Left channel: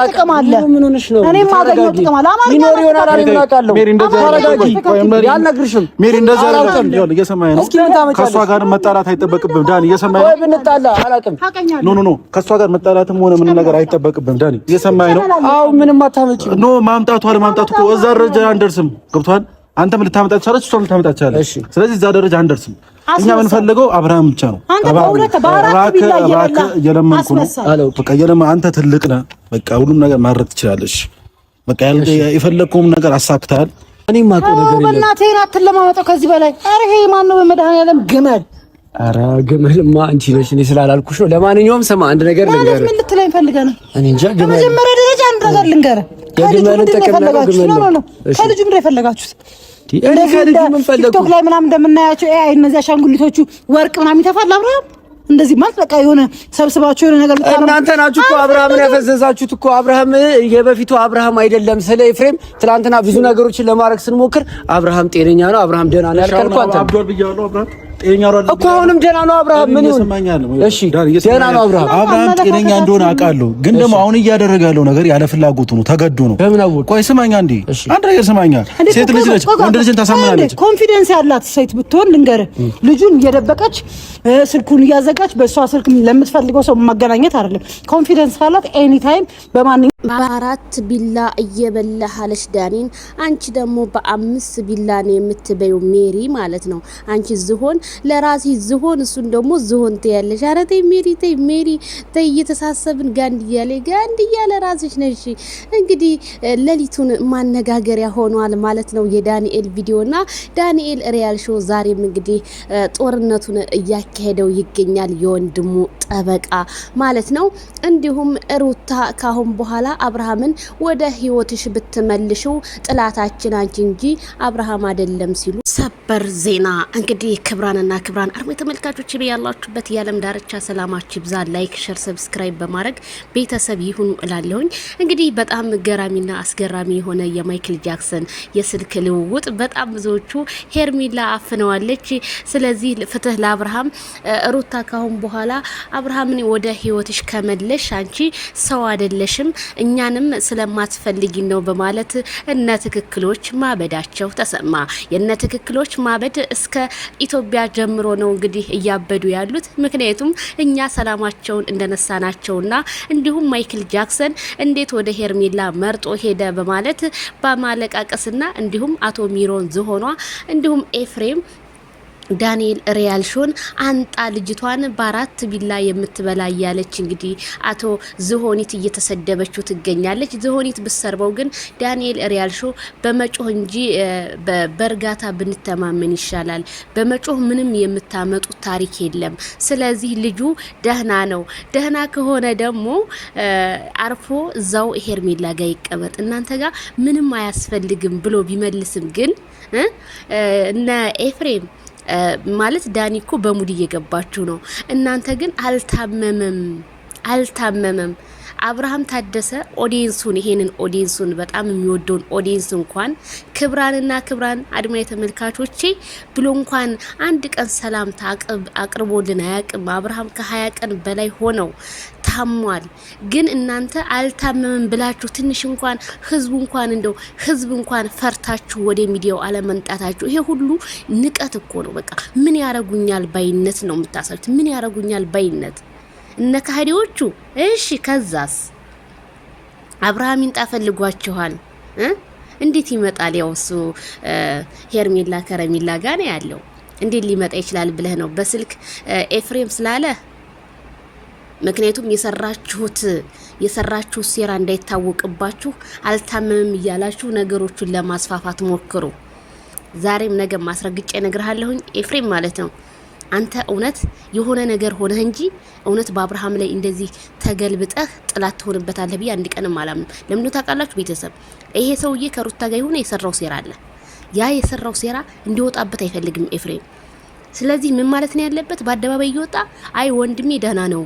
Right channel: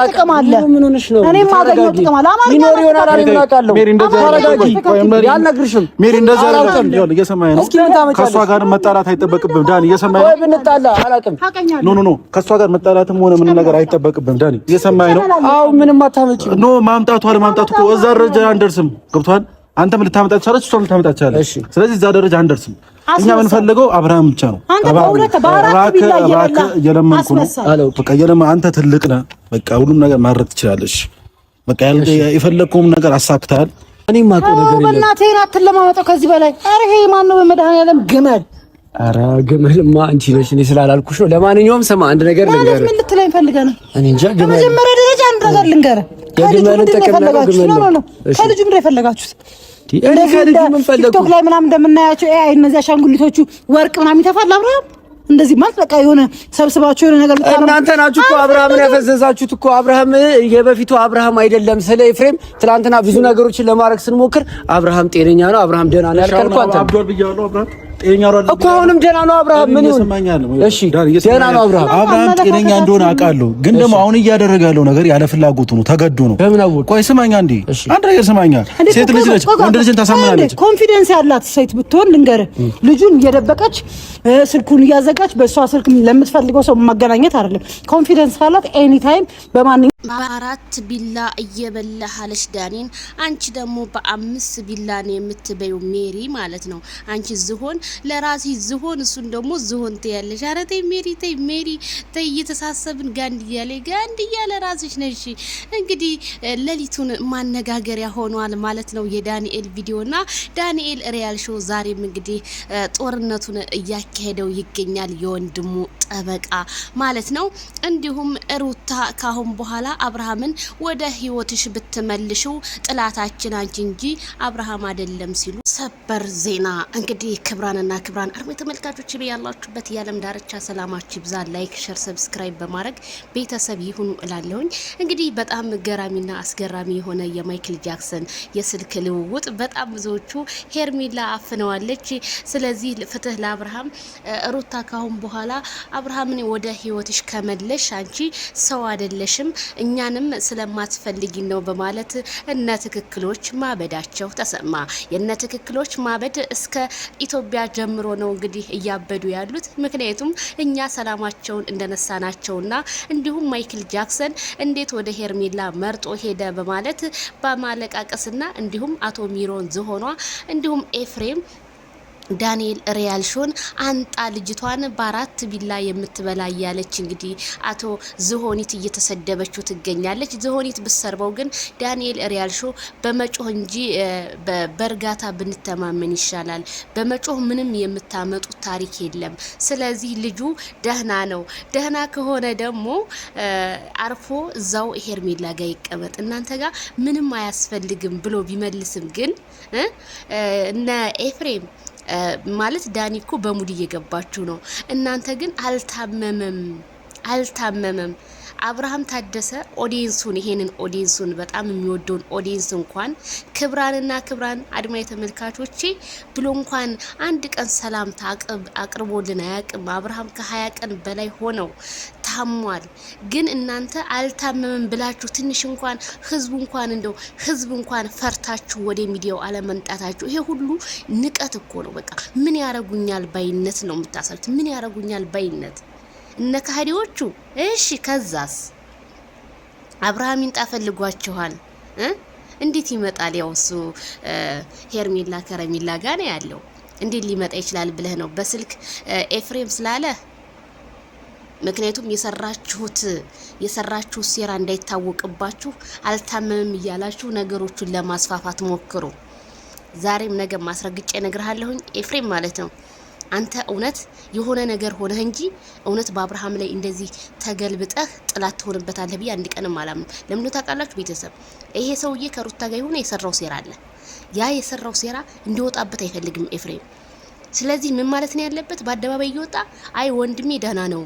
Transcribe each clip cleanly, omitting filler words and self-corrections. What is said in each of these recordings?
ጥቅም አለ ምን ሆነሽ ነው እኔ ማገኘው ጥቅም አለ አማርኛ ይኖር ይሆናል አይደል እናውቃለሁ ሜሪ እንደዛ ያልነግርሽም ሜሪ እንደዛ አይደለም ይኸውልህ እየሰማኸኝ ነው ከሷ ጋር መጣላት አይጠበቅብም ዳኒ እየሰማኸኝ ነው ወይ ብንጣላ አላውቅም ኖ ከሷ ጋር መጣላትም ሆነ ምን ነገር አይጠበቅብም ዳኒ እየሰማኸኝ ነው አው ምንም አታመጪም ኖ ማምጣቱ አለማምጣቱ እኮ እዛ ደረጃ አንደርስም ገብቷል አንተም ልታመጣ ትችላለች እሷም ልታመጣ ትችላለች ስለዚህ እዛ ደረጃ አንደርስም እኛ የምንፈልገው አብርሃም ብቻ ነው የለመንኩ ነው በቃ አንተ ትልቅ ነህ በቃ ሁሉም ነገር ማድረግ ትችላለሽ በቃ የፈለግከውም ነገር አሳክታል እኔ ማቆ ነገር የለም በእናትህ አትለማመጠው ከዚህ በላይ ኧረ ይሄ ማን ነው በመድኃኒዓለም ግመል ኧረ ግመልማ አንቺ ነሽ እኔ ስላላልኩሽ ነው ለማንኛውም ስማ አንድ ነገር ልንገርህ ምን ልትለኝ ፈልገህ ነው እኔ እንጃ ግመል በመጀመሪያ ደረጃ አንድ ነገር ልንገርህ የግመልን ጥቅም ነው ግመል ነው ከልጁ ምንድን የፈለጋችሁት እኔ ከልጁ ምን ፈለኩ ቲክቶክ ላይ ምናምን እንደምናያቸው ኤአይ እነዚያ አሻንጉሊቶቹ ወርቅ ምናምን ይተፋል አብርሃም እንደዚህ ማለት በቃ የሆነ ሰብስባችሁ የሆነ ነገር ልታረጉ እናንተ ናችሁ እኮ አብርሃምን ያፈዘዛችሁት እኮ አብርሃም የበፊቱ አብርሃም አይደለም ስለ ኤፍሬም ትላንትና ብዙ ነገሮችን ለማድረግ ስንሞክር አብርሃም ጤነኛ ነው አብርሃም ደህና ነው ያልከልኩ አንተ አብዷል ብያለሁ አብርሃም ጤነኛ ነው እኮ አሁንም ደህና ነው አብርሃም ምን ይሁን እሺ ደህና ነው አብርሃም ጤነኛ እንደሆነ አውቃለሁ ግን ደግሞ አሁን እያደረገ ያለው ነገር ያለ ፍላጎቱ ነው ተገዶ ነው በምን አወቅ ቆይ ስማኛ እንዴ አንድ ነገር ስማኛ ሴት ልጅ ነች ወንድ ልጅን ታሳምናለች ኮንፊደንስ ያላት ሴት ብትሆን ልንገርህ ልጁን እየደበቀች ስልኩን እያዘጋች በእሷ ስልክ ለምትፈልገው ሰው ማገናኘት አይደለም ኮንፊደንስ ካላት ኤኒ ታይም በማንኛውም በአራት ቢላ እየበላህ አለሽ ዳኒን አንቺ ደግሞ በአምስት ቢላ ነው የምትበየው ሜሪ ማለት ነው አንቺ ዝሆን ለራሲ ዝሆን እሱን ደግሞ ዝሆን ትያለሽ ኧረ ተይ ሜሪ ተይ እየተሳሰብን ጋንድ እያለ ራስሽ ነሽ እንግዲህ ሌሊቱን ማነጋገሪያ ሆኗል ማለት ነው የዳንኤል ቪዲዮና ዳንኤል ሪያል ሾው ዛሬም እንግዲህ ጦርነቱን እያካሄደው ይገኛል የወንድሙ ጠበቃ ማለት ነው እንዲሁም ሩታ ካሁን በኋላ አብርሃምን ወደ ህይወትሽ ብትመልሽው ጥላታችን አንቺ እንጂ አብርሃም አይደለም ሲሉ ሰበር ዜና እንግዲህ ክብራንና ክብራን አርሞ ተመልካቾች በያላችሁበት የዓለም ዳርቻ ሰላማችሁ ይብዛ ላይክ ሼር ሰብስክራይብ በማድረግ ቤተሰብ ይሁኑ እላለሁኝ እንግዲህ በጣም ገራሚና አስገራሚ የሆነ የማይክል ጃክሰን የስልክ ልውውጥ በጣም ብዙዎቹ ሄርሚላ አፍነዋለች ስለዚህ ፍትህ ለአብርሃም ሩታ ካሁን በኋላ አብርሃምን ወደ ህይወትሽ ከመለሽ አንቺ ሰው አይደለሽም እኛንም ስለማትፈልጊ ነው በማለት እነ ትክክሎች ማበዳቸው ተሰማ የነ ትክክሎች ማበድ እስከ ኢትዮጵያ ጀምሮ ነው እንግዲህ እያበዱ ያሉት ምክንያቱም እኛ ሰላማቸውን እንደነሳናቸውና እንዲሁም ማይክል ጃክሰን እንዴት ወደ ሄርሜላ መርጦ ሄደ በማለት በማለቃቀስና እንዲሁም አቶ ሚሮን ዝሆኗ እንዲሁም ኤፍሬም ዳንኤል ሪያል ሾን አንጣ ልጅቷን በአራት ቢላ የምትበላ ያለች እንግዲህ አቶ ዝሆኒት እየተሰደበችው ትገኛለች ዝሆኒት ብሰርበው ግን ዳንኤል ሪያል ሾ በመጮህ እንጂ በበርጋታ ብንተማመን ይሻላል በመጮህ ምንም የምታመጡት ታሪክ የለም ስለዚህ ልጁ ደህና ከሆነ ደግሞ አርፎ እዛው ሄርሜላ ጋር ይቀመጥ እናንተ ጋር ምንም አያስፈልግም ብሎ ቢመልስም ግን እነ ኤፍሬም ማለት ዳኒኮ በሙድ እየገባችሁ ነው እናንተ ግን አልታመመም አብርሃም ታደሰ ኦዲየንሱን ይሄንን ኦዲየንሱን በጣም የሚወደውን ኦዲየንስ እንኳን ክብራን አድማጭ ተመልካቾቼ ብሎ እንኳን አንድ ቀን ሰላም አቅርቦልን አያውቅም አብርሃም ከ20 ቀን በላይ ሆነው ታሟል ግን እናንተ አልታመመም ብላችሁ ትንሽ እንኳን ህዝብ እንኳን ፈርታችሁ ወደ ሚዲያው አለመንጣታችሁ ይሄ ሁሉ ንቀት እኮ ነው በቃ ምን ያረጉኛል ባይነት ነው የምታሳዩት ምን ያረጉኛል ባይነት እነ ካህዲዎቹ እሺ ከዛስ አብርሃም ይንጣፈልጓችኋል እንዴት ይመጣል ያውሱ ሄርሜላ ከረሜላ ጋር ነው ያለው እንዴት ሊመጣ ይችላል ብለህ ነው በስልክ ኤፍሬም ስላለ ምክንያቱም የሰራችሁት ሴራ እንዳይታወቅባችሁ አልታመምም ይያላችሁ ነገሮችን ለማስፋፋት ሞክሩ ዛሬም ነገ ማስረግጬ ነግርሃለሁኝ ኤፍሬም ማለት ነው አንተ እውነት የሆነ ነገር ሆነ እንጂ እውነት በአብርሃም ላይ እንደዚህ ተገልብጠህ ጥላት ትሆንበታለህ ቢያ አንድ ቀንም አላምንም ለምን ታውቃላችሁ ቤተሰብ ይሄ ሰውዬ ከሩታ ጋር ይሁን የሰራው ሴራ አለ ያ የሰራው ሴራ እንዲወጣበት አይፈልግም ኤፍሬም ስለዚህ ምን ማለት ነው ያለበት በአደባባይ ይወጣ አይ ወንድሜ ደህና ነው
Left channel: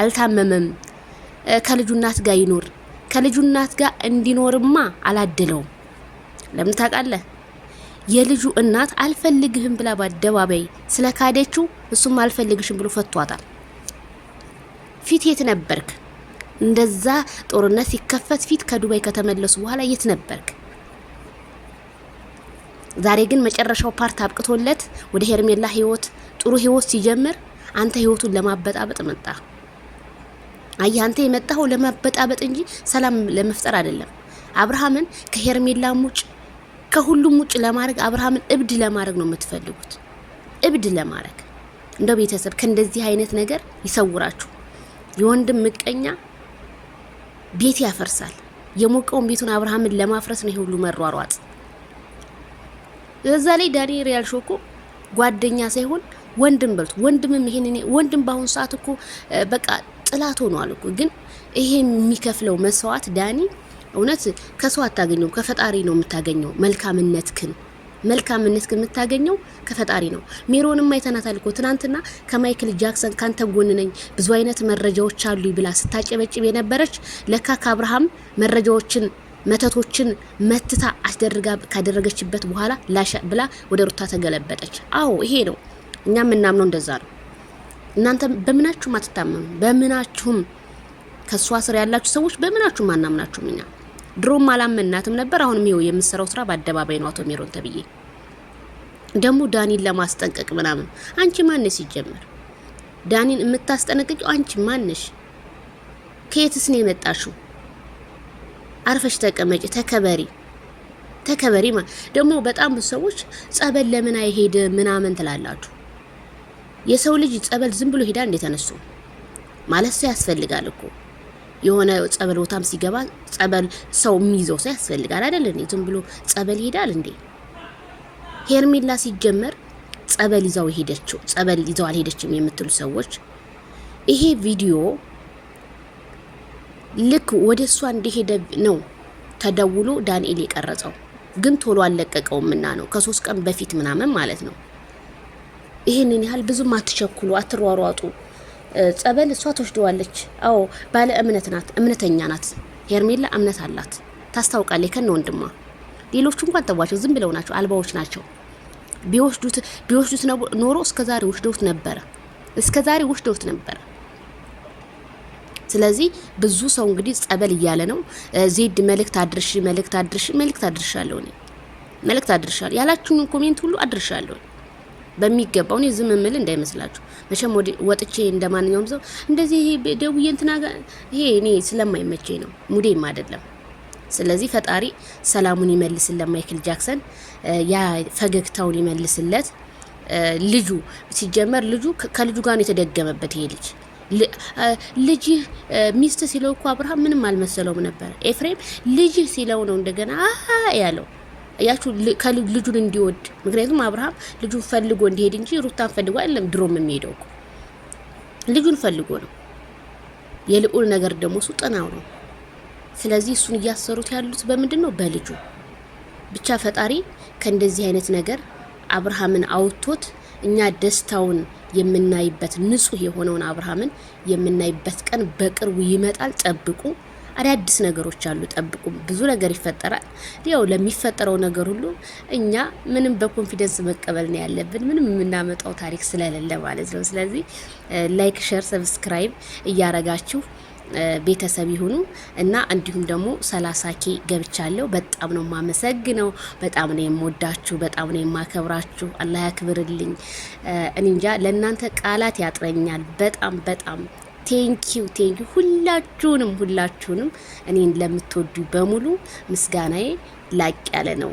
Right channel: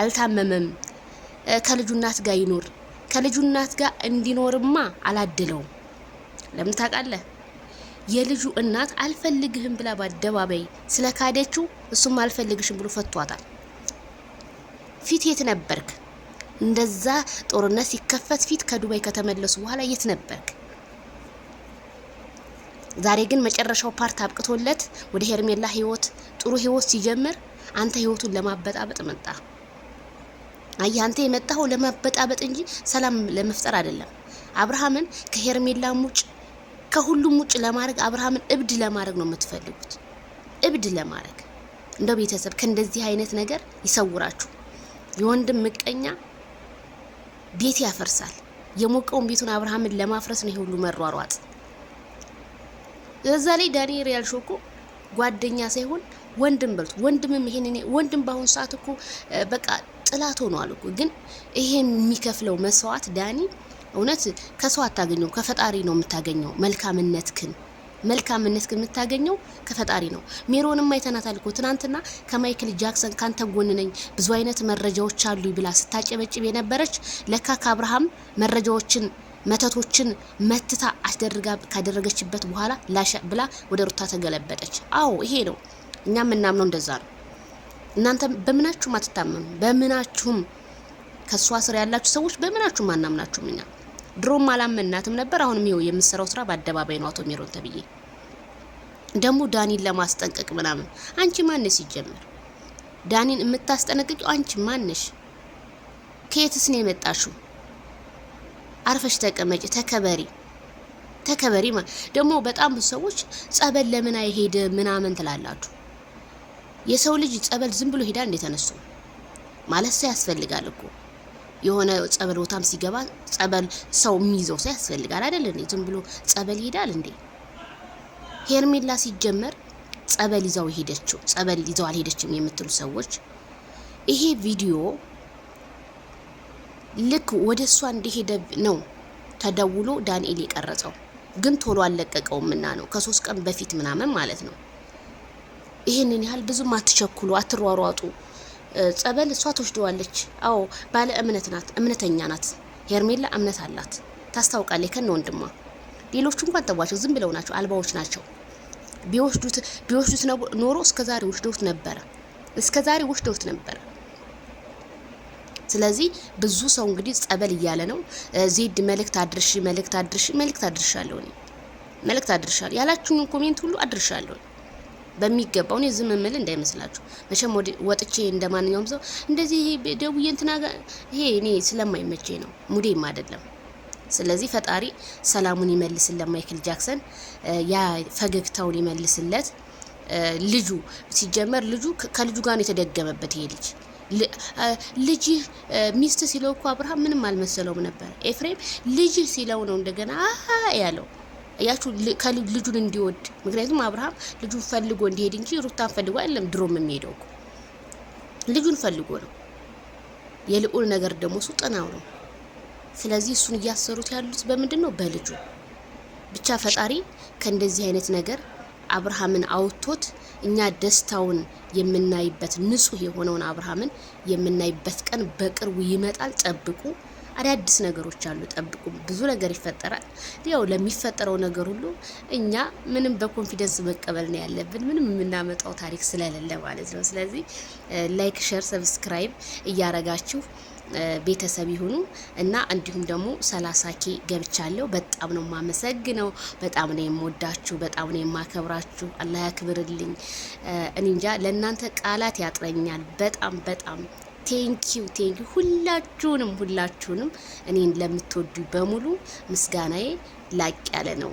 አልታመመም ከልጁ እናት ጋር ይኖር ከልጁ እናት ጋር እንዲኖርማ አላደለው ለምን ታውቃለህ የልጁ እናት አልፈልግህም ብላ በአደባባይ ስለካደችው እሱም አልፈልግሽም ብሎ ፈቷታል ፊት የት ነበርክ እንደዛ ጦርነት ሲከፈት ፊት ከዱባይ ከተመለሱ በኋላ የት ነበርክ? ዛሬ ግን መጨረሻው ፓርት አብቅቶለት ወደ ሄርሜላ ህይወት ጥሩ ህይወት ሲጀምር አንተ ህይወቱን ለማበጣበጥ መጣ። አይ አንተ የመጣው ለማበጣበጥ እንጂ ሰላም ለመፍጠር አይደለም። አብርሃምን ከሄርሜላ ሙጭ ከሁሉም ሙጭ ለማድረግ አብርሃምን እብድ ለማድረግ ነው የምትፈልጉት። እብድ ለማድረግ እንደ ቤተሰብ ከእንደዚህ አይነት ነገር ይሰውራችሁ። የወንድም ምቀኛ ቤት ያፈርሳል። የሞቀውን ቤቱን አብርሃምን ለማፍረስ ነው ሁሉ መሯሯጥ። ለዛ ላይ ዳኒ ሪያል ሾኮ ጓደኛ ሳይሆን ወንድም በልቶ ወንድምም ይሄን ወንድም ባሁን ሰዓት እኮ በቃ ጥላት ሆኗል እኮ። ግን ይሄ የሚከፍለው መስዋዕት ዳኒ እውነት ከሰው አታገኘው፣ ከፈጣሪ ነው የምታገኘው። መልካምነትክን የምታገኘው ከፈጣሪ ነው። ሜሮንም አይተናታል እኮ ትናንትና ከማይክል ጃክሰን ካንተ ጎን ነኝ ብዙ አይነት መረጃዎች አሉ ብላ ስታጨበጭብ የነበረች ለካ ከአብርሃም መረጃዎችን መተቶችን መትታ አስደርጋ ካደረገችበት በኋላ ላሻ ብላ ወደ ሩታ ተገለበጠች። አዎ ይሄ ነው እኛም እናምነው እንደዛ ነው። እናንተ በምናችሁም አትታመኑ። በምናችሁም ከሷ ስር ያላችሁ ሰዎች በምናችሁም አናምናችሁም። እኛ ድሮም አላመናትም ነበር። አሁንም ይኸው የምሰራው ስራ በአደባባይ ነው። አቶ ሜሮን ተብዬ ደግሞ ዳኒን ለማስጠንቀቅ ምናምን አንቺ ማነሽ? ሲጀመር ዳኒን የምታስጠነቅቂው አንቺ ማነሽ? ከየትስ ነው የመጣሽው? አርፈሽ ተቀመጪ፣ ተከበሪ ደግሞ በጣም ብዙ ሰዎች ጸበል ለምን አይሄድ ምናምን ትላላችሁ። የሰው ልጅ ጸበል ዝም ብሎ ሄዳ እንደተነሱ ማለት ሰው ያስፈልጋል እኮ። የሆነ ጸበል ቦታም ሲገባ ጸበል ሰው የሚይዘው ሰው ያስፈልጋል አይደል እንዴ? ዝም ብሎ ጸበል ይሄዳል እንዴ? ሄርሜላ ሲጀመር ጸበል ይዘው አልሄደችም የምትሉ ሰዎች ይሄ ቪዲዮ ልክ ወደ እሷ እንደሄደ ነው ተደውሎ ዳንኤል የቀረጸው፣ ግን ቶሎ አልለቀቀውምና ነው ከ3 ቀን በፊት ምናምን ማለት ነው። ይሄንን ያህል ብዙም አትቸኩሉ፣ አትሯሯጡ። ጸበል እሷ ተወስደዋለች። አዎ ባለ እምነት ናት፣ እምነተኛ ናት። ሄርሜላ እምነት አላት፣ ታስታውቃለች ከነ ወንድሟ። ሌሎቹ እንኳን ተዋቸው፣ ዝም ብለው ናቸው፣ አልባዎች ናቸው። ቢወስዱት ኖሮ እስከዛሬ ወስደውት ነበር። ስለዚህ ብዙ ሰው እንግዲህ ጸበል እያለ ነው። ዜድ መልእክት አድርሻለሁ ያላችሁን ኮሜንት ሁሉ አድርሻለሁ በሚገባው። እኔ ዝም ምል እንዳይመስላችሁ መቼም ወጥቼ እንደማንኛውም ሰው እንደዚህ ደውዬ እንትና ይሄ እኔ ስለማይመቸኝ ነው፣ ሙዴም አይደለም። ስለዚህ ፈጣሪ ሰላሙን ይመልስለት ለማይክል ጃክሰን፣ ያ ፈገግታውን ይመልስለት። ልጁ ሲጀመር ከልጁ ጋር ነው የተደገመበት። ይሄ ልጅ ሚስት ሲለው እኮ አብርሃም ምንም አልመሰለውም ነበር። ኤፍሬም ልጅ ሲለው ነው እንደገና ያለው ያችሁ ልጁን እንዲወድ። ምክንያቱም አብርሃም ልጁን ፈልጎ እንዲሄድ እንጂ ሩታን ፈልጎ አይደለም ድሮም የሚሄደው እኮ ልጁን ፈልጎ ነው። የልዑል ነገር ደግሞ እሱ ጠናው ነው። ስለዚህ እሱን እያሰሩት ያሉት በምንድን ነው? በልጁ ብቻ። ፈጣሪ ከእንደዚህ አይነት ነገር አብርሃምን አውጥቶት እኛ ደስታውን የምናይበት ንጹህ የሆነውን አብርሃምን የምናይበት ቀን በቅርቡ ይመጣል። ጠብቁ። አዳዲስ ነገሮች አሉ፣ ጠብቁ። ብዙ ነገር ይፈጠራል። ያው ለሚፈጠረው ነገር ሁሉ እኛ ምንም በኮንፊደንስ መቀበል ነው ያለብን፣ ምንም የምናመጣው ታሪክ ስለሌለ ማለት ነው። ስለዚህ ላይክ፣ ሼር፣ ሰብስክራይብ እያረጋችሁ ቤተሰብ ይሁኑ እና እንዲሁም ደግሞ 30K ገብቻለሁ። በጣም ነው ማመሰግነው። በጣም ነው የምወዳችሁ፣ በጣም ነው የማከብራችሁ። አላህ ያክብርልኝ። እኔ እንጃ ለእናንተ ቃላት ያጥረኛል። በጣም ቴንኪው ሁላችሁንም እኔን ለምትወዱ በሙሉ ምስጋናዬ ላቅ ያለ ነው።